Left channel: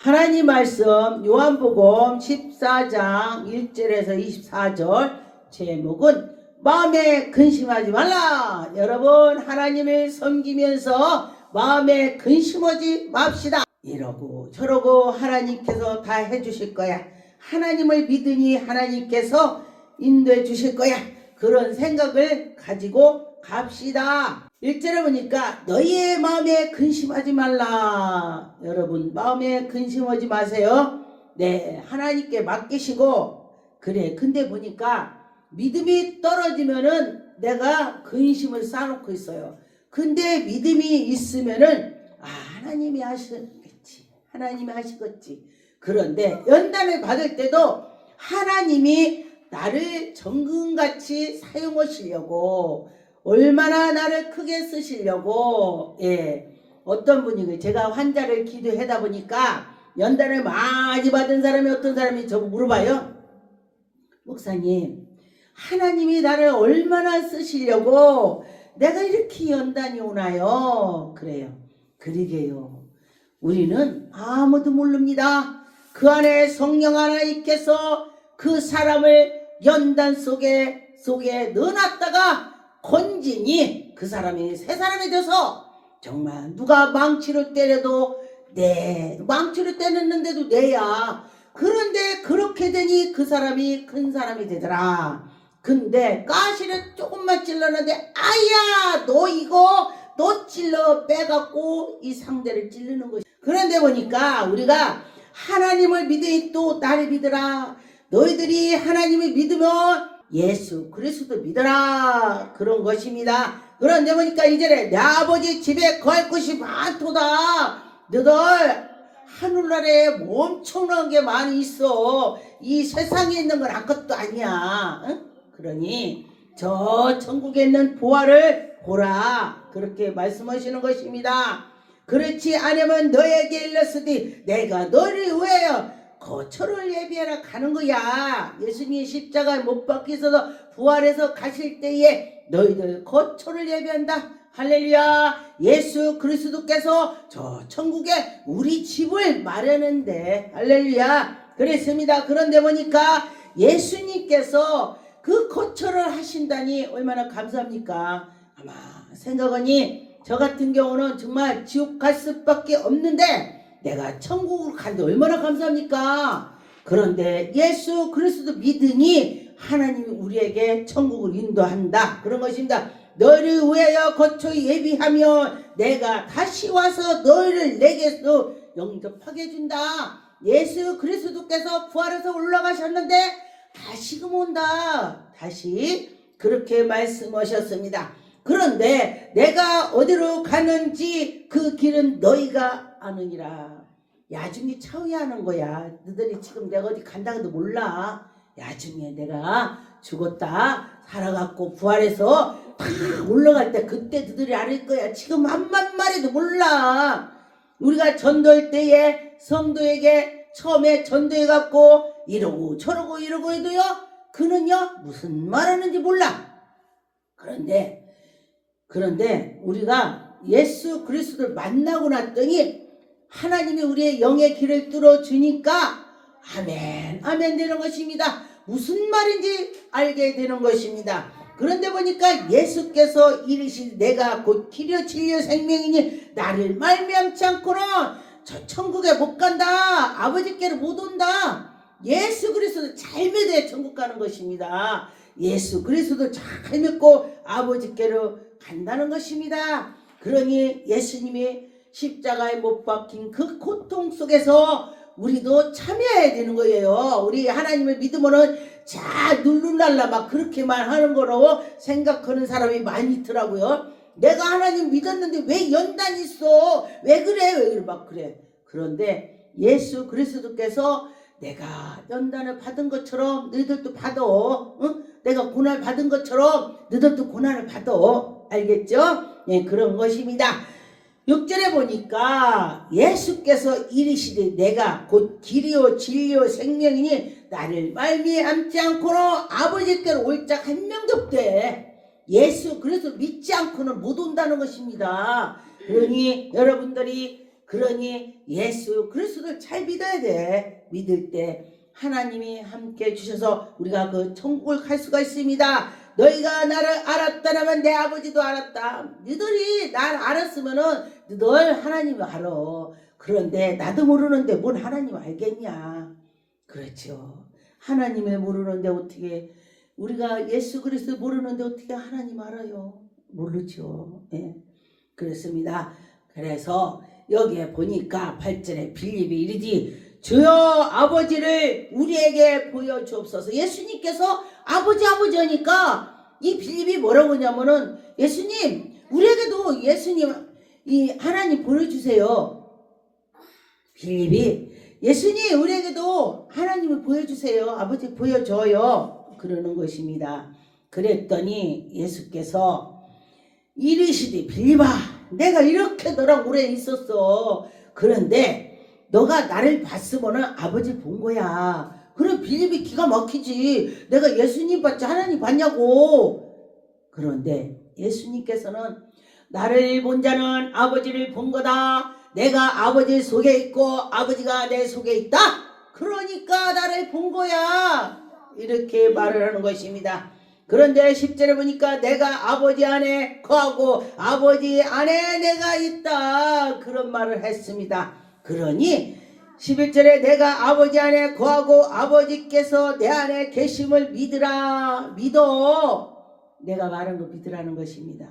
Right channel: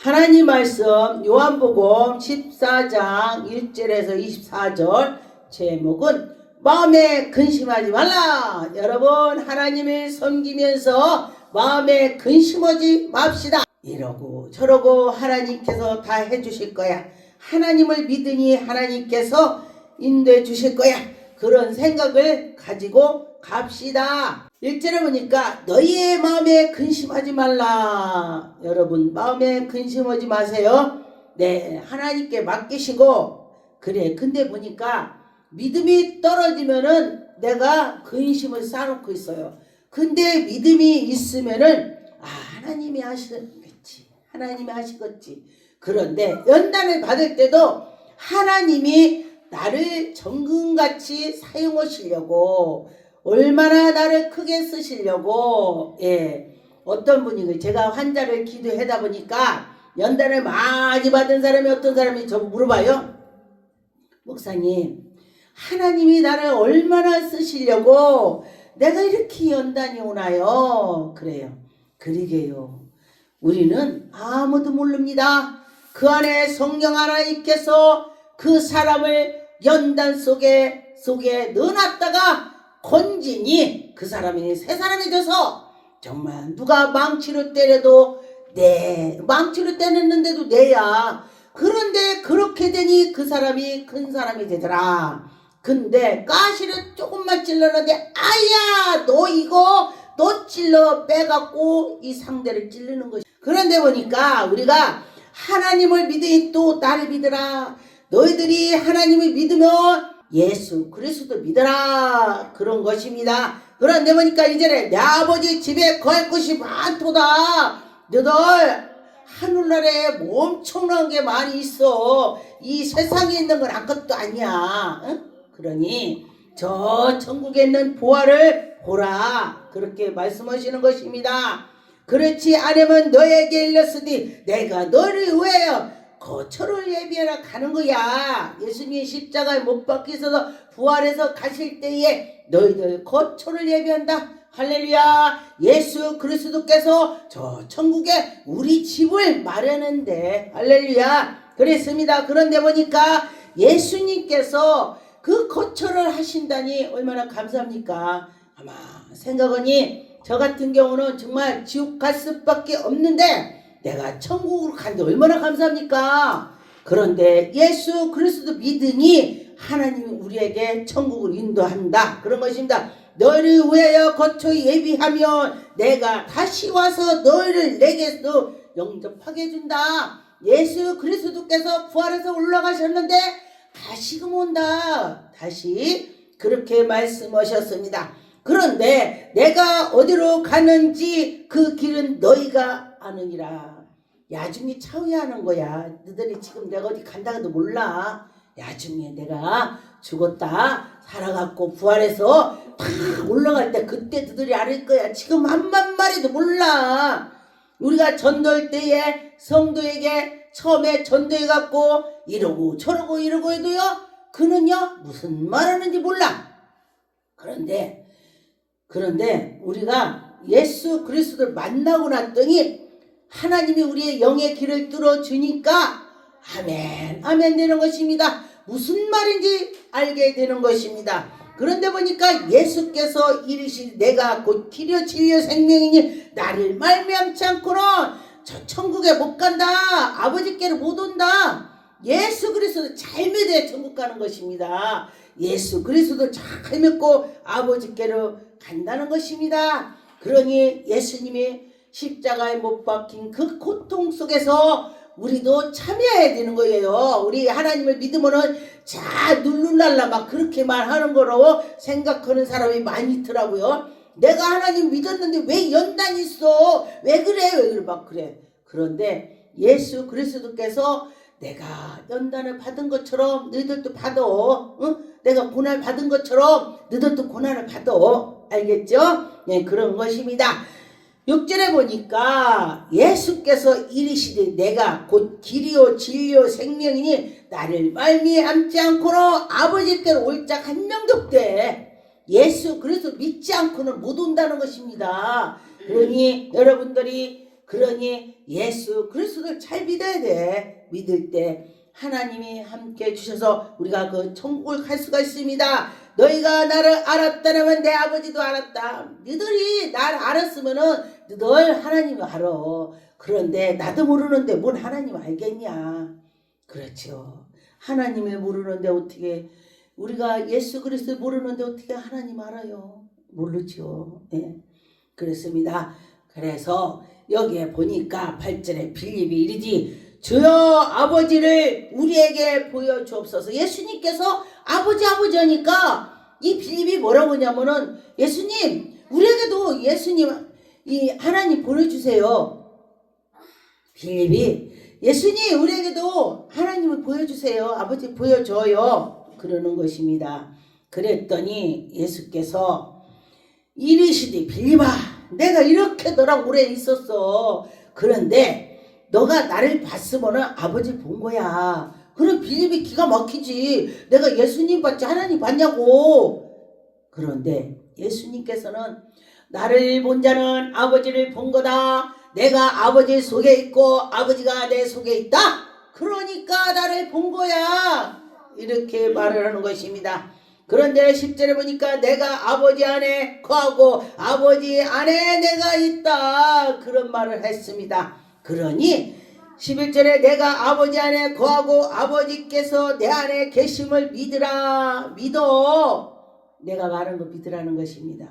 하나님 말씀 요한복음 14장 1절에서 24절 제목은 마음에 근심하지 말라. 여러분 하나님을 섬기면서 마음에 근심하지 맙시다. 이러고 저러고 하나님께서 다 해주실 거야. 하나님을 믿으니 하나님께서 인도해 주실 거야. 그런 생각을 가지고 갑시다. 1절에 보니까 너희의 마음에 근심하지 말라. 여러분 마음에 근심하지 마세요. 네, 하나님께 맡기시고. 그래, 근데 보니까 믿음이 떨어지면은 내가 근심을 쌓아놓고 있어요. 근데 믿음이 있으면은 하나님이 하시겠지, 하나님이 하시겠지. 그런데 연단을 받을 때도 하나님이 나를 정금같이 사용하시려고, 얼마나 나를 크게 쓰시려고. 어떤 분이, 제가 환자를 기도하다 보니까 연단을 많이 받은 사람이 어떤 사람이 저 물어봐요. 목사님, 하나님이 나를 얼마나 쓰시려고 내가 이렇게 연단이 오나요? 그래요. 그러게요. 우리는 아무도 모릅니다. 그 안에 성령 하나님께서 그 사람을 연단 속에 넣어놨다가 건지니 그 사람이 새 사람이 돼서 정말 누가 망치로 때려도 망치로 때렸는데도 내야. 그런데 그렇게 되니 그 사람이 큰 사람이 되더라. 근데 가시를 조금만 찔렀는데 아야 너 찔러 빼갖고 이 상대를 찌르는 것이. 그런데 보니까 우리가 하나님을 믿으니 또 나를 믿으라. 너희들이 하나님을 믿으면 예수 그리스도 믿어라. 그런 것입니다. 그런데 보니까 이제 내 아버지 집에 거할 것이 많도다. 너희들 하늘나라에 엄청난 게 많이 있어. 이 세상에 있는 건 아무것도 아니야. 응? 그러니 저 천국에 있는 보화를 보라. 그렇게 말씀하시는 것입니다. 그렇지 않으면 너에게 일렀으니 내가 너를 위하여 거처를 예비하라 가는 거야. 예수님이 십자가에 못 박히셔서 부활해서 가실 때에 너희들 거처를 예비한다. 할렐루야. 예수 그리스도께서 저 천국에 우리 집을 마련한대. 할렐루야. 그랬습니다. 그런데 보니까 예수님께서 그 거처를 하신다니 얼마나 감사합니까? 아마 생각하니 저 같은 경우는 정말 지옥 갈 수밖에 없는데 내가 천국으로 간데 얼마나 감사합니까? 그런데 예수 그리스도 믿으니 하나님이 우리에게 천국을 인도한다. 그런 것입니다. 너를 위하여 거처 예비하며 내가 다시 와서 너희를 내게서 영접하게 해준다. 예수 그리스도께서 부활해서 올라가셨는데 다시금 온다. 다시 그렇게 말씀하셨습니다. 그런데 내가 어디로 가는지 그 길은 너희가 아느니라. 야중에 차후하는 거야. 너희들이 지금 내가 어디 간다고도 몰라. 야중에 내가 죽었다 살아갖고 부활해서 탁 올라갈 때 그때 너희들이 알 거야. 지금 한만 마리도 몰라. 우리가 전도할 때에 성도에게 처음에 전도해갖고 이러고 저러고 이러고 해도요, 그는요 무슨 말하는지 몰라. 그런데 우리가 예수 그리스도를 만나고 났더니 하나님이 우리의 영의 길을 뚫어주니까 아멘 아멘 되는 것입니다. 무슨 말인지 알게 되는 것입니다. 그런데 보니까 예수께서 이르시되 내가 곧 길이요 진리요 생명이니 나를 말미암지 않고는 저 천국에 못 간다. 아버지께로 못 온다. 예수 그리스도 잘 믿어야 천국 가는 것입니다. 예수 그리스도 잘 믿고 아버지께로 간다는 것입니다. 그러니 예수님이 십자가에 못 박힌 그 고통 속에서 우리도 참여해야 되는 거예요. 우리 하나님을 믿으면은 자 룰루랄라 막 그렇게만 하는 거라고 생각하는 사람이 많이 있더라고요. 내가 하나님 믿었는데 왜 연단이 있어? 왜 그래? 막 그래. 그런데 예수 그리스도께서 내가 연단을 받은 것처럼 너희들도 받아. 응? 내가 고난을 받은 것처럼 너희들도 고난을 받아. 알겠죠? 네, 그런 것입니다. 6절에 보니까 예수께서 이르시되 내가 곧 길이요 진리요 생명이니 나를 말미암지 않고는 아버지께로 올 자 한 명도 없대. 예수 그리스도 믿지 않고는 못 온다는 것입니다. 그러니 여러분들이 그러니 예수 그리스도를 잘 믿어야 돼. 믿을 때 하나님이 함께 해주셔서 우리가 그 천국을 갈 수가 있습니다. 너희가 나를 알았다면 내 아버지도 알았다. 너희들이 나를 알았으면은 널 하나님이 알아. 그런데 나도 모르는데 뭔 하나님 알겠냐. 그렇죠. 하나님을 모르는데 어떻게, 우리가 예수 그리스도 모르는데 어떻게 하나님 알아요? 모르죠. 네. 그렇습니다. 그래서 여기에 보니까 8절에 빌립이 이르지 주여 아버지를 우리에게 보여주옵소서. 예수님께서 아버지 하니까 이 빌립이 뭐라고 하냐면은 예수님 우리에게도 예수님 이 하나님 보여주세요. 빌립이 예수님 우리에게도 하나님을 보여주세요. 아버지 보여줘요. 그러는 것입니다. 그랬더니 예수께서 이르시되 빌립아 내가 이렇게 너랑 오래 있었어. 그런데 너가 나를 봤으면은 아버지 본 거야. 그럼 빌립이 기가 막히지. 내가 예수님 봤지 하나님 봤냐고. 그런데 예수님께서는 나를 본 자는 아버지를 본 거다. 내가 아버지 속에 있고 아버지가 내 속에 있다. 그러니까 나를 본 거야. 이렇게 말을 하는 것입니다. 그런데 10절에 보니까 내가 아버지 안에 거하고 아버지 안에 내가 있다. 그런 말을 했습니다. 그러니 11절에 내가 아버지 안에 거하고 아버지께서 내 안에 계심을 믿으라. 믿어. 내가 말한 거 믿으라는 것입니다.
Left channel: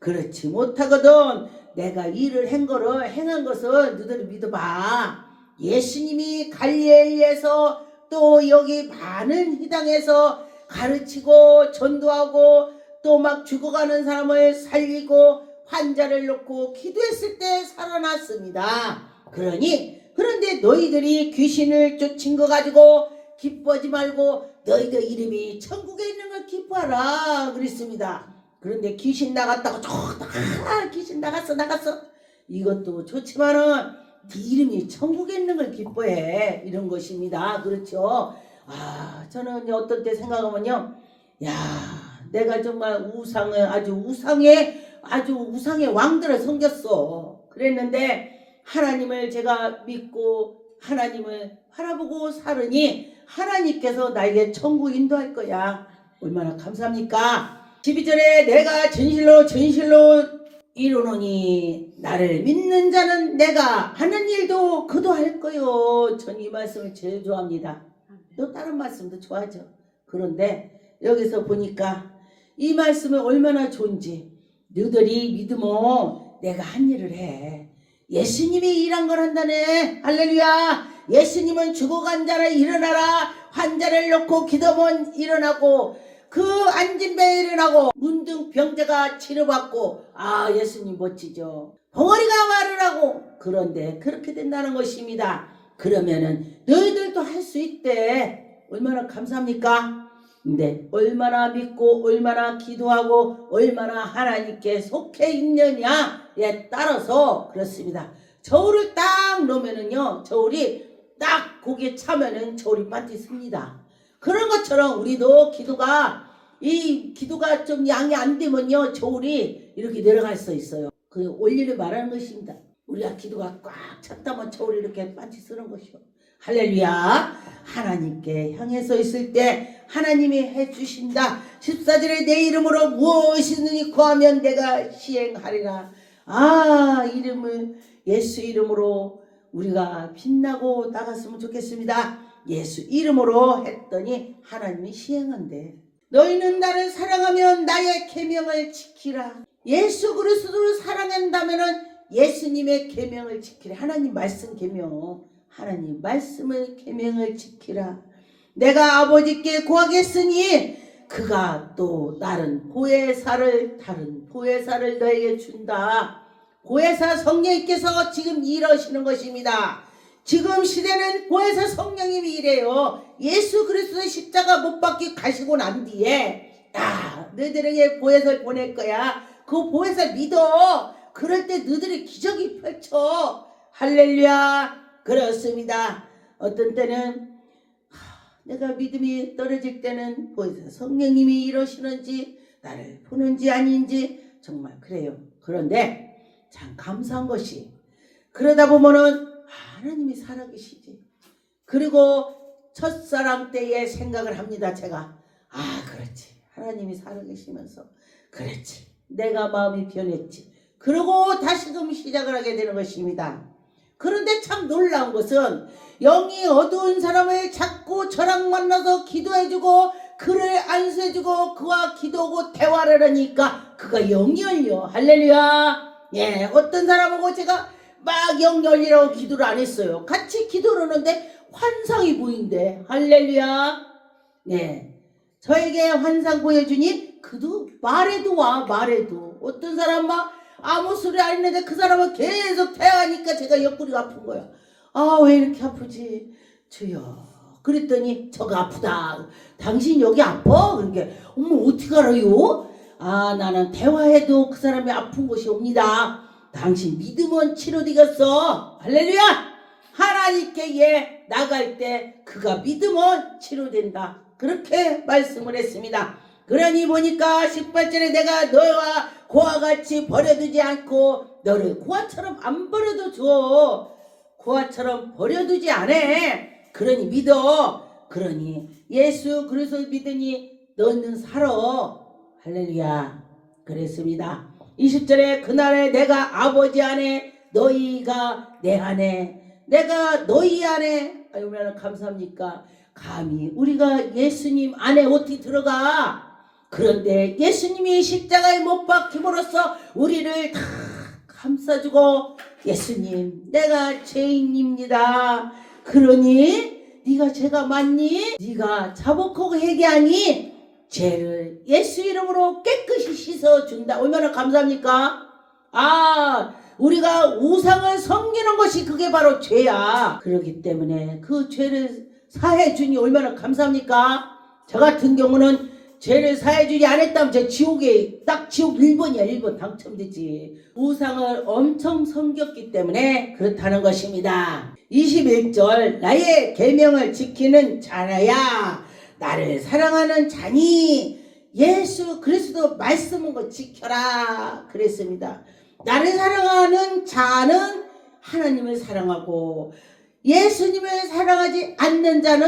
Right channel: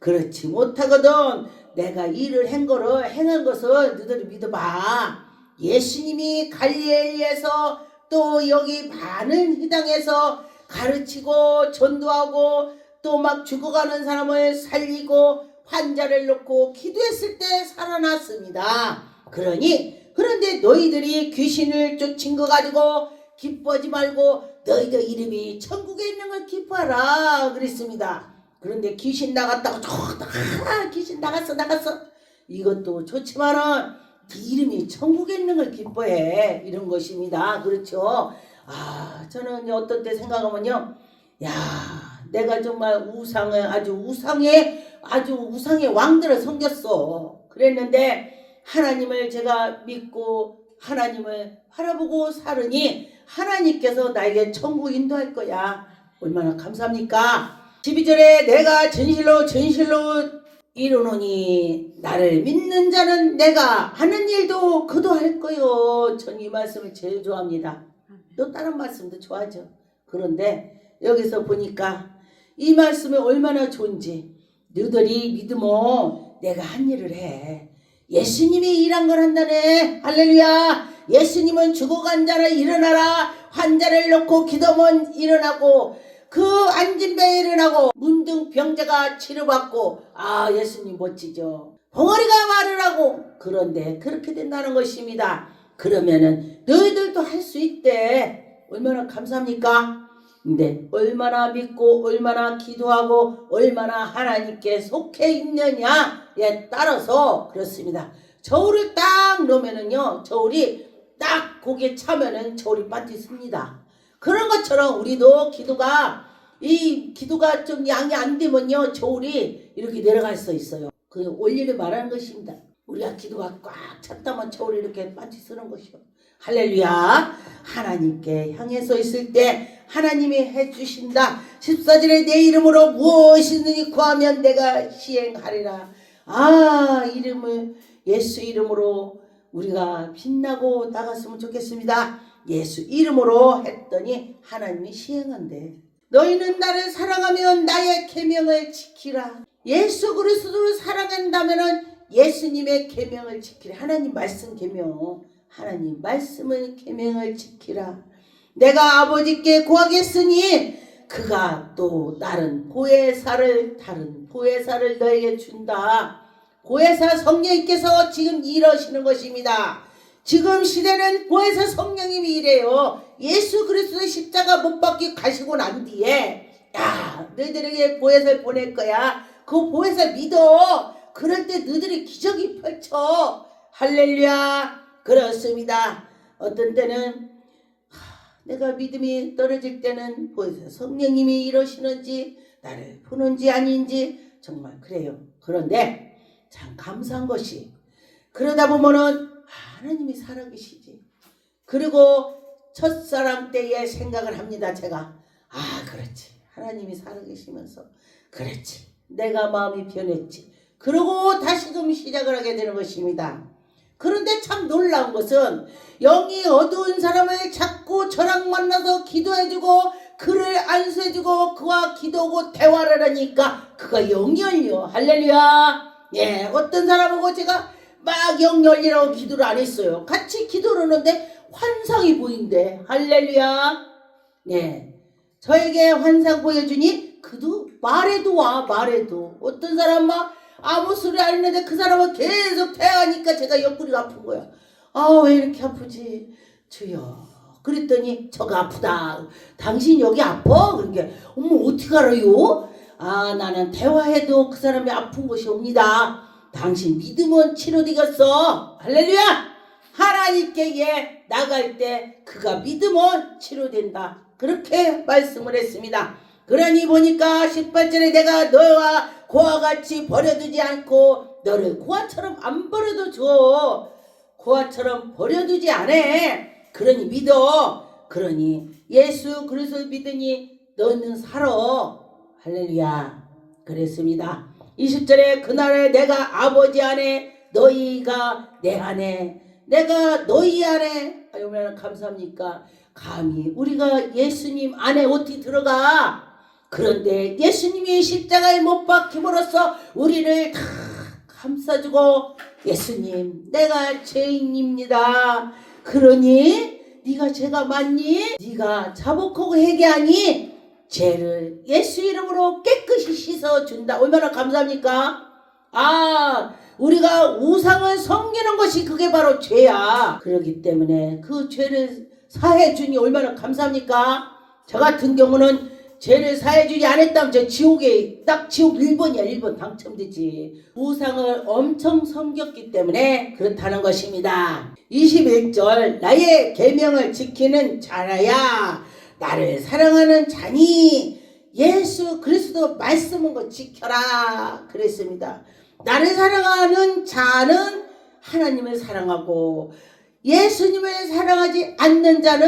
그렇지 못하거든 내가 일을 행한 것을 너희들이 믿어봐. 예수님이 갈릴리에서 또 여기 많은 희당에서 가르치고 전도하고 또 막 죽어가는 사람을 살리고 환자를 놓고 기도했을 때 살아났습니다. 그런데 너희들이 귀신을 쫓은 거 가지고 기뻐하지 말고 너희들 이름이 천국에 있는 걸 기뻐하라 그랬습니다. 그런데 귀신 나갔다고 귀신 나갔어 이것도 좋지만은 네 이름이 천국에 있는 걸 기뻐해 이런 것입니다. 그렇죠. 저는 어떤 때 생각하면요, 야 내가 정말 우상의 왕들을 섬겼어. 그랬는데 하나님을 제가 믿고 하나님을 바라보고 살으니 하나님께서 나에게 천국 인도할 거야. 얼마나 감사합니까? 12절에 내가 진실로 이루노니 나를 믿는 자는 내가 하는 일도 그도 할 거요. 전 이 말씀을 제일 좋아합니다. 또 다른 말씀도 좋아하죠. 그런데 여기서 보니까 이 말씀이 얼마나 좋은지, 너희들이 믿으면 내가 한 일을 해. 예수님이 일한 걸 한다네. 할렐루야. 예수님은 죽어간 자를 일어나라. 환자를 놓고 기도면 일어나고 그 앉은 배에 일어나고 문둥 병자가 치료받고 예수님 멋지죠. 벙어리가 말을 하고. 그런데 그렇게 된다는 것입니다. 그러면은 너희들도 할 수 있대. 얼마나 감사합니까? 근데 얼마나 믿고 얼마나 기도하고 얼마나 하나님께 속해 있느냐에 따라서 그렇습니다. 저울을 딱 놓으면은요, 저울이 딱 거기에 차면은 저울이 빠져 씁니다. 그런 것처럼 우리도 기도가 좀 양이 안 되면요, 저울이 이렇게 내려갈 수 있어요. 그 원리를 말하는 것입니다. 우리가 기도가 꽉 찼다면 저울이 이렇게 빠져 쓰는 것이요. 할렐루야. 하나님께 향해서 있을 때 하나님이 해주신다. 14절에 내 이름으로 무엇이든지 구하면 내가 시행하리라. 예수 이름으로 우리가 빛나고 나갔으면 좋겠습니다. 예수 이름으로 했더니 하나님이 시행한대. 너희는 나를 사랑하면 나의 계명을 지키라. 예수 그리스도를 사랑한다면은 예수님의 계명을 지키라. 하나님 말씀 계명, 하나님 말씀을 계명을 지키라. 내가 아버지께 구하겠으니 그가 또 다른 보혜사를 너에게 준다. 보혜사 성령님께서 지금 일하시는 것입니다. 지금 시대는 보혜사 성령님이 이래요. 예수 그리스도의 십자가 못 박기 가시고 난 뒤에 너희들에게 보혜사를 보낼 거야. 그 보혜사 믿어. 그럴 때 너희들이 기적이 펼쳐. 할렐루야. 그렇습니다. 어떤 때는 내가 믿음이 떨어질 때는 보혜사 성령님이 이러시는지 나를 보는지 아닌지 정말 그래요. 그런데 참 감사한 것이 그러다 보면은 하나님이 살아계시지. 그리고 첫사랑 때에 생각을 합니다. 제가 그렇지, 하나님이 살아계시면서 그렇지, 내가 마음이 변했지. 그리고 다시금 시작을 하게 되는 것입니다. 그런데 참 놀라운 것은 영이 어두운 사람을 자꾸 저랑 만나서 기도해주고 그를 안수해주고 그와 기도하고 대화를 하니까 그가 영이 열려. 할렐루야. 예, 어떤 사람하고 제가 막 영 열리라고 기도를 안 했어요. 같이 기도를 하는데 환상이 보인대. 할렐루야. 예, 저에게 환상 보여주니 그도 말해도 와. 말해도 어떤 사람 막 아무 소리 안 했는데 그 사람은 계속 대하니까 제가 옆구리가 아픈 거야. 왜 이렇게 아프지? 주여. 그랬더니 저가 아프다. 당신 여기 아파? 그러니까 어머 어떻게 알아요? 나는 대화해도 그 사람이 아픈 것이 옵니다. 당신 믿으면 치료되겠어. 할렐루야. 하나님께 나갈 때 그가 믿으면 치료된다. 그렇게 말씀을 했습니다. 그러니 보니까 18절에 내가 너와 고와 같이 버려두지 않고 너를 고아처럼 안 버려둬줘. 고아처럼 버려두지 않아. 그러니 믿어. 그러니 예수 그리스도를 믿으니 너는 살아. 할렐루야. 그랬습니다. 20절에 그날에 내가 아버지 안에 너희가 내 안에 내가 너희 안에 얼마나 감사합니까? 감히 우리가 예수님 안에 어떻게 들어가? 그런데 예수님이 십자가에 못 박힘으로써 우리를 다 감싸주고 예수님 내가 죄인입니다. 그러니 네가 죄가 많니? 네가 자복하고 회개하니 죄를 예수 이름으로 깨끗이 씻어준다. 얼마나 감사합니까? 우리가 우상을 섬기는 것이 그게 바로 죄야. 그렇기 때문에 그 죄를 사해주니 얼마나 감사합니까? 저 같은 경우는 죄를 사해주지 않았다면 저 지옥에 딱 지옥 1번이야. 1번 당첨되지. 우상을 엄청 섬겼기 때문에 그렇다는 것입니다. 21절 나의 계명을 지키는 자라야 나를 사랑하는 자니 예수 그리스도 말씀은 거 지켜라 그랬습니다. 나를 사랑하는 자는 하나님을 사랑하고 예수님을 사랑하지 않는 자는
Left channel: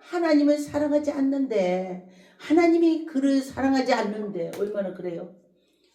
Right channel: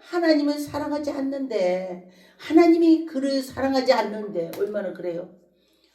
하나님을 사랑하지 않는데 하나님이 그를 사랑하지 않는데 얼마나 그래요?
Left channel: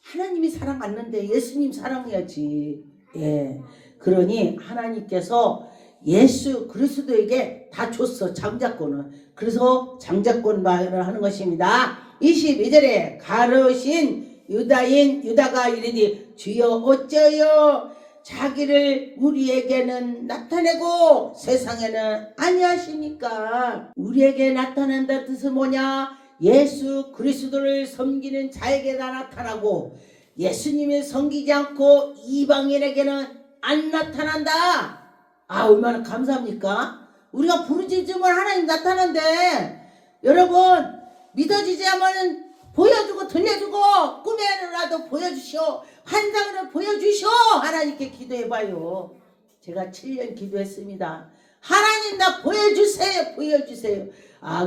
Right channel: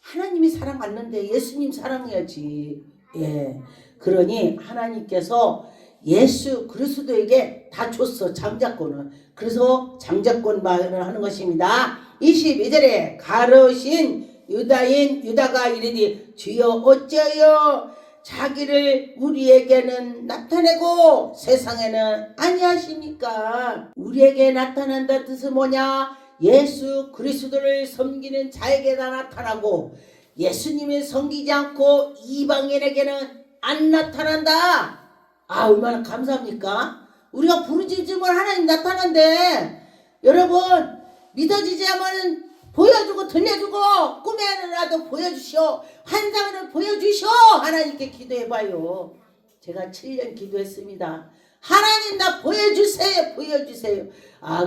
하나님이 사랑 않는데 예수님 사랑해야지. 예. 그러니 하나님께서 예수 그리스도에게 다 줬어. 장자권을. 그래서 장자권 말을 하는 것입니다. 22절에 가르신 유다인 유다가 이르니 주여 어찌하여 자기를 우리에게는 나타내고 세상에는 아니하십니까? 우리에게 나타낸다 뜻은 뭐냐? 예수 그리스도를 섬기는 자에게나 나타나고 예수님을 섬기지 않고 이방인에게는 안 나타난다. 얼마나 감사합니까? 우리가 부르짖으면 하나님 나타난대. 여러분 믿어지지 않으면 보여주고 들려주고 꿈에라도 보여주시오. 환상으로 보여주시오. 하나님께 기도해봐요. 제가 7년 기도했습니다. 하나님 나 보여주세요. 보여주세요.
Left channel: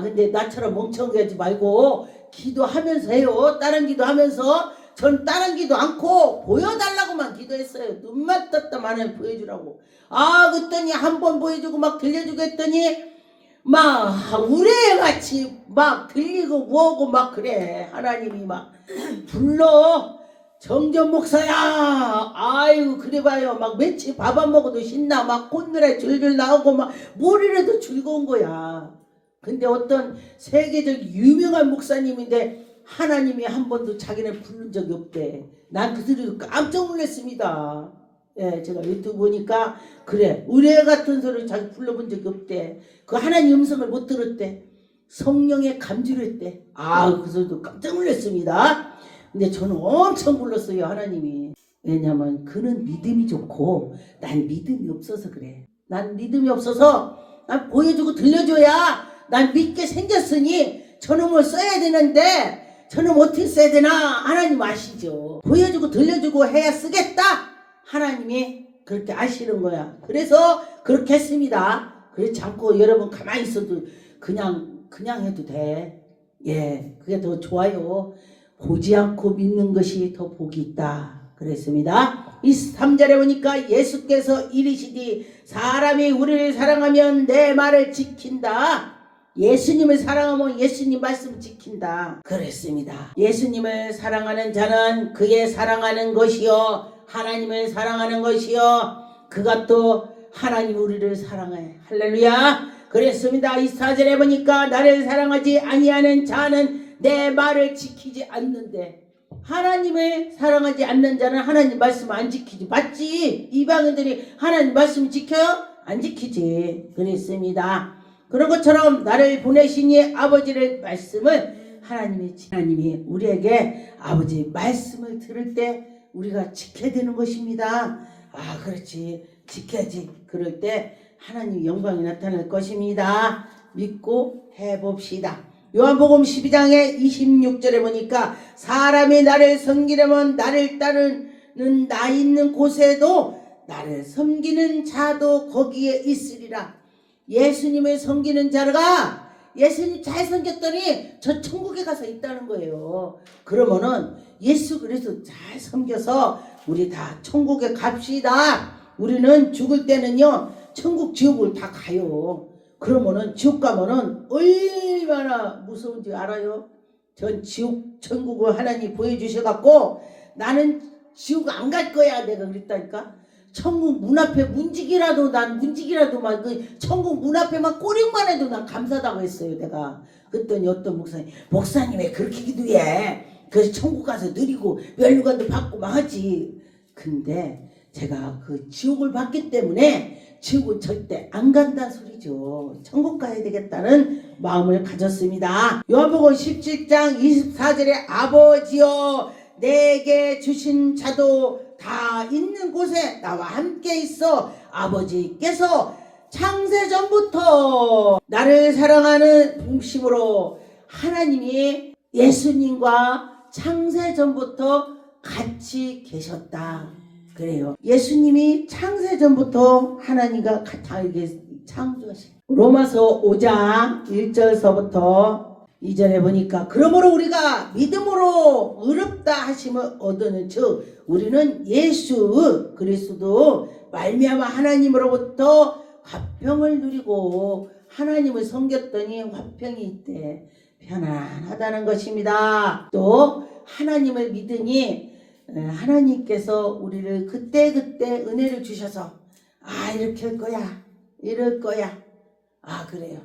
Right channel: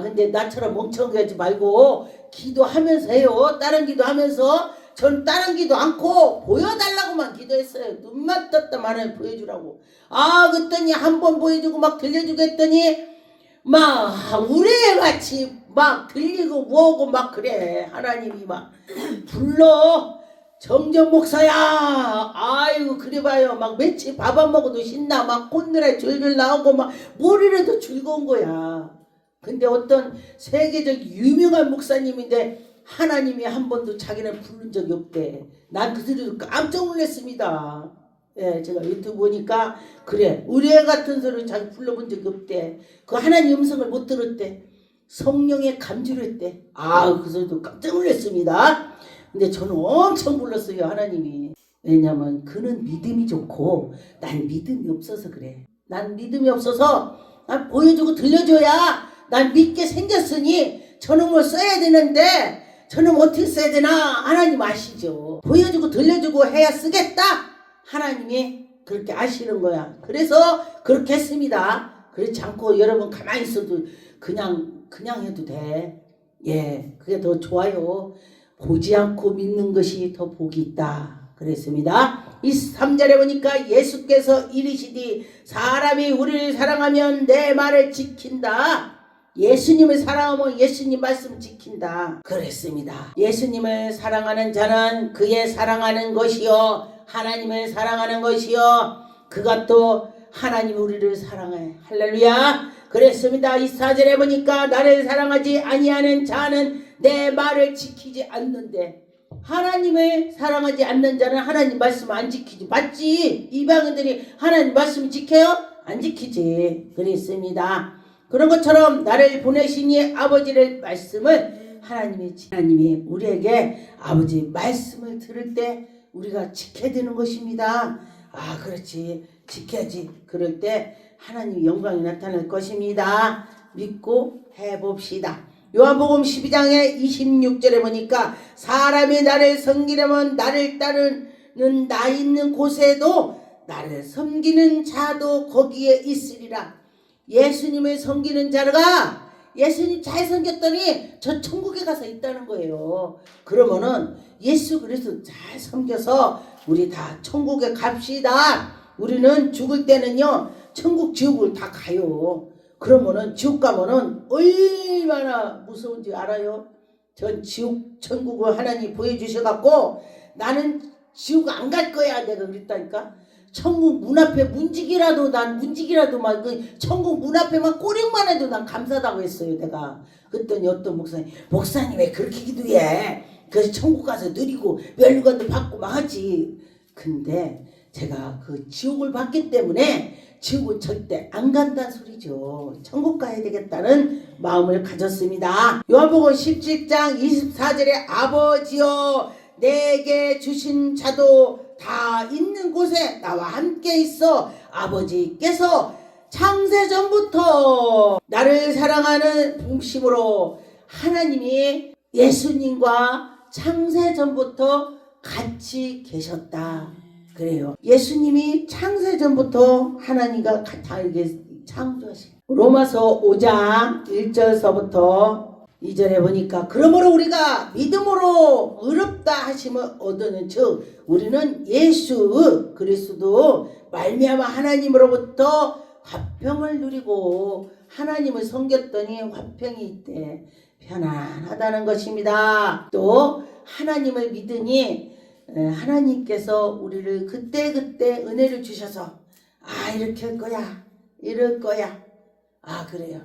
근데 나처럼 멍청하지 말고 기도하면서 해요. 다른 기도하면서. 전 다른 기도 않고 보여달라고만 기도했어요. 눈만 떴다만 보여주라고. 그랬더니 한 번 보여주고 막 들려주고 했더니 막 우레같이 막 들리고 뭐고 막 그래. 하나님이 막 불러. 정전 목사야. 아이고 그래봐요. 막 며칠 밥 안 먹어도 신나. 막 콧노래 줄줄 나오고 막 머리라도 즐거운 거야. 근데 어떤 세계적 유명한 목사님인데 하나님이 한 번도 자기는 부른 적이 없대. 난 그 소리 깜짝 놀랐습니다. 예, 제가 유튜브 보니까 그래 의뢰 같은 소리를 자기 불러본 적이 없대. 그 하나님 음성을 못 들었대. 성령의 감지를 했대. 그 소리도 깜짝 놀랐습니다. 근데 저는 엄청 불렀어요. 하나님이. 왜냐면 그는 믿음이 좋고 난 믿음이 없어서 그래. 난 믿음이 없어서 난 보여주고 들려줘야 난 믿게 생겼으니 저놈을 써야 되는데 저놈 어떻게 써야 되나 하나님 아시죠. 보여주고 들려주고 해야 쓰겠다. 하나님이 그렇게 아시는 거야. 그래서 그렇게 했습니다. 그렇지 않고 여러분 가만히 있어도 그냥 해도 돼. 예, 그게 더 좋아요. 보지 않고 믿는 것이 더 복이 있다. 그랬습니다. 23절에 보니까 예수께서 이르시되 사람이 우리를 사랑하면 내 말을 지킨다. 예수님을 사랑하면 예수님 말씀 지킨다 그랬습니다. 예수님을 사랑하는 자는 그의 사랑하는 것이요 하나님을 사랑하는 것이요 그것도 하나님 우리를 사랑해. 할렐루야. 그랬습니다. 24절에 보니까 나를 사랑하지 아니하는 자는 내 말을 지키지 않는데, 하나님을 사랑하지 않는 자는 하나님 말씀 안 지키지. 맞지? 이방인들이 하나님 말씀 지켜요? 안 지키지. 그랬습니다. 그런 것처럼 나를 보내신 이 아버지의 말씀을 하나님이 우리에게 아버지 말씀을 들을 때 우리가 지켜야 되는 것입니다. 아, 그렇지. 지켜야지. 그럴 때 하나님 영광이 나타날 것입니다. 믿고 해봅시다. 요한복음 12장의 26절에 보니까 사람이 나를 섬기려면 나를 따르는 나 있는 곳에도 나를 섬기는 자도 거기에 있으리라. 예수님을 섬기는 자가 예수님 잘 섬겼더니 저 천국에 가서 있다는 거예요. 그러면은 예수 그리스도 잘 섬겨서 우리 다 천국에 갑시다. 우리는 죽을 때는요 천국 지옥을 다 가요. 그러면은 지옥 가면은 얼마나 무서운지 알아요? 전 지옥 천국을 하나님 보여주셔갖고 나는 지옥 안 갈 거야 내가 그랬다니까. 천국 문 앞에 문지기라도 막 그 천국 문 앞에만 꼬링만 해도 난 감사하다고 했어요 내가. 그랬더니 어떤 목사님 왜 그렇게 기도해? 그래서 천국 가서 누리고 멸류관도 받고 막 하지. 근데 제가 그 지옥을 봤기 때문에 지옥은 절대 안 간다는 소리죠. 천국 가야 되겠다는 마음을 가졌습니다. 요한복음 17장 24절에 아버지여 내게 주신 자도 다 있는 곳에 나와 함께 있어 아버지께서 창세전부터 나를 사랑하는 중심으로 하나님이 예수님과 창세전부터 같이 계셨다. 그래요. 예수님이 창세전부터 하나님과 다 이렇게 창조하신. 로마서 5장 1절서부터 2절에 보니까 그러므로 우리가 믿음으로 의롭다 하심을 얻는 즉 우리는 예수 그리스도 말미암아 하나님으로부터 화평을 누리고 하나님을 섬겼더니 화평이 있대 편안하다는 것입니다. 또 하나님을 믿으니 하나님께서 우리를 그때그때 은혜를 주셔서 아 이렇게 할 거야 이럴 거야 아 그래요.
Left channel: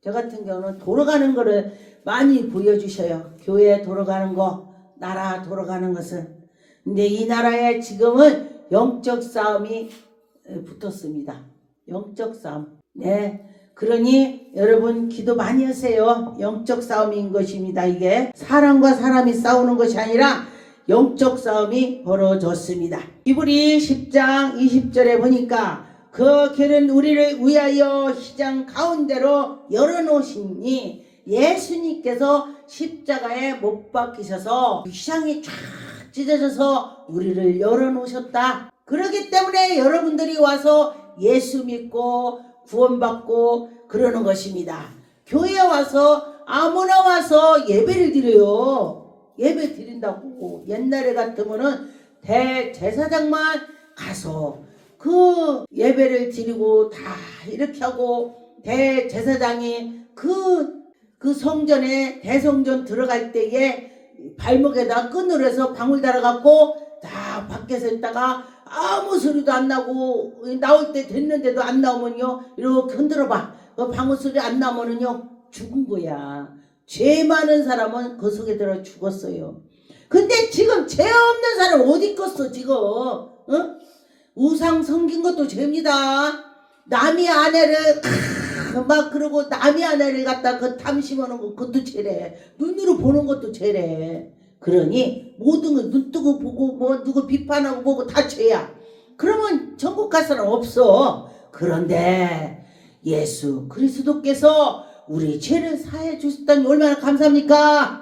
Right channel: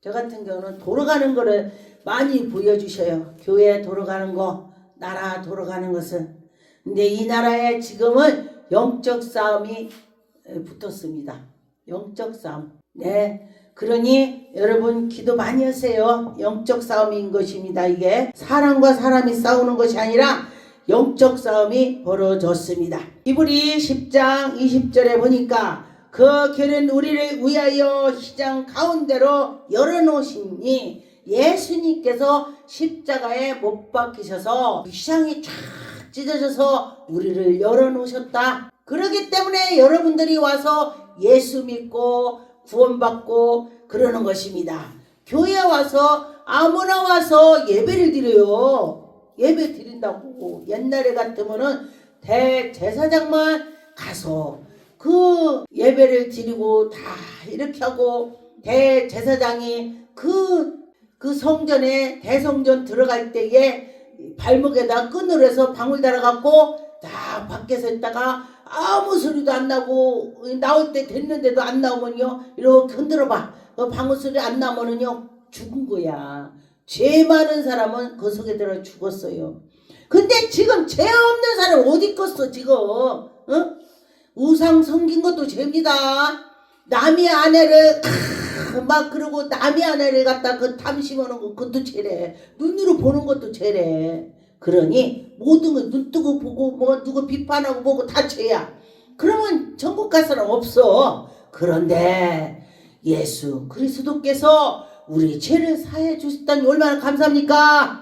저 같은 경우는 돌아가는 거를 많이 보여주셔요. 교회 돌아가는 거 나라 돌아가는 것은. 근데 이 나라에 지금은 영적 싸움이 붙었습니다. 영적 싸움. 네. 그러니 여러분 기도 많이 하세요. 영적 싸움인 것입니다. 이게 사람과 사람이 싸우는 것이 아니라 영적 싸움이 벌어졌습니다. 히브리 10장 20절에 보니까 그 길은 우리를 위하여 시장 가운데로 열어놓으시니 예수님께서 십자가에 못 박히셔서 시장이 쫙 찢어져서 우리를 열어놓으셨다. 그렇기 때문에 여러분들이 와서 예수 믿고 구원받고 그러는 것입니다. 교회 와서 아무나 와서 예배를 드려요. 예배 드린다고. 옛날에 같으면은 대제사장만 가서 그 예배를 드리고 다 이렇게 하고 대제사장이 그 성전에 대성전 들어갈 때에 발목에다 끈으로 해서 방울 달아갖고 다 밖에서 있다가 아무 소리도 안 나고 나올 때 됐는데도 안 나오면요 이렇게 흔들어봐. 그 방울 소리 안 나오면은요 죽은 거야. 죄 많은 사람은 그 속에 들어 죽었어요. 근데 지금 죄 없는 사람 어디 있겠어 지금? 어? 우상 섬긴 것도 죄입니다. 남의 아내를 막 그러고 남의 아내를 갖다 그 탐심하는 거 그것도 죄래. 눈으로 보는 것도 죄래. 그러니 모든 거 눈 뜨고 보고 뭐 누구 비판하고 보고 다 죄야. 그러면 천국 갈 사람 없어. 그런데 예수 그리스도께서 우리 죄를 사해 주셨다니 얼마나 감사합니까?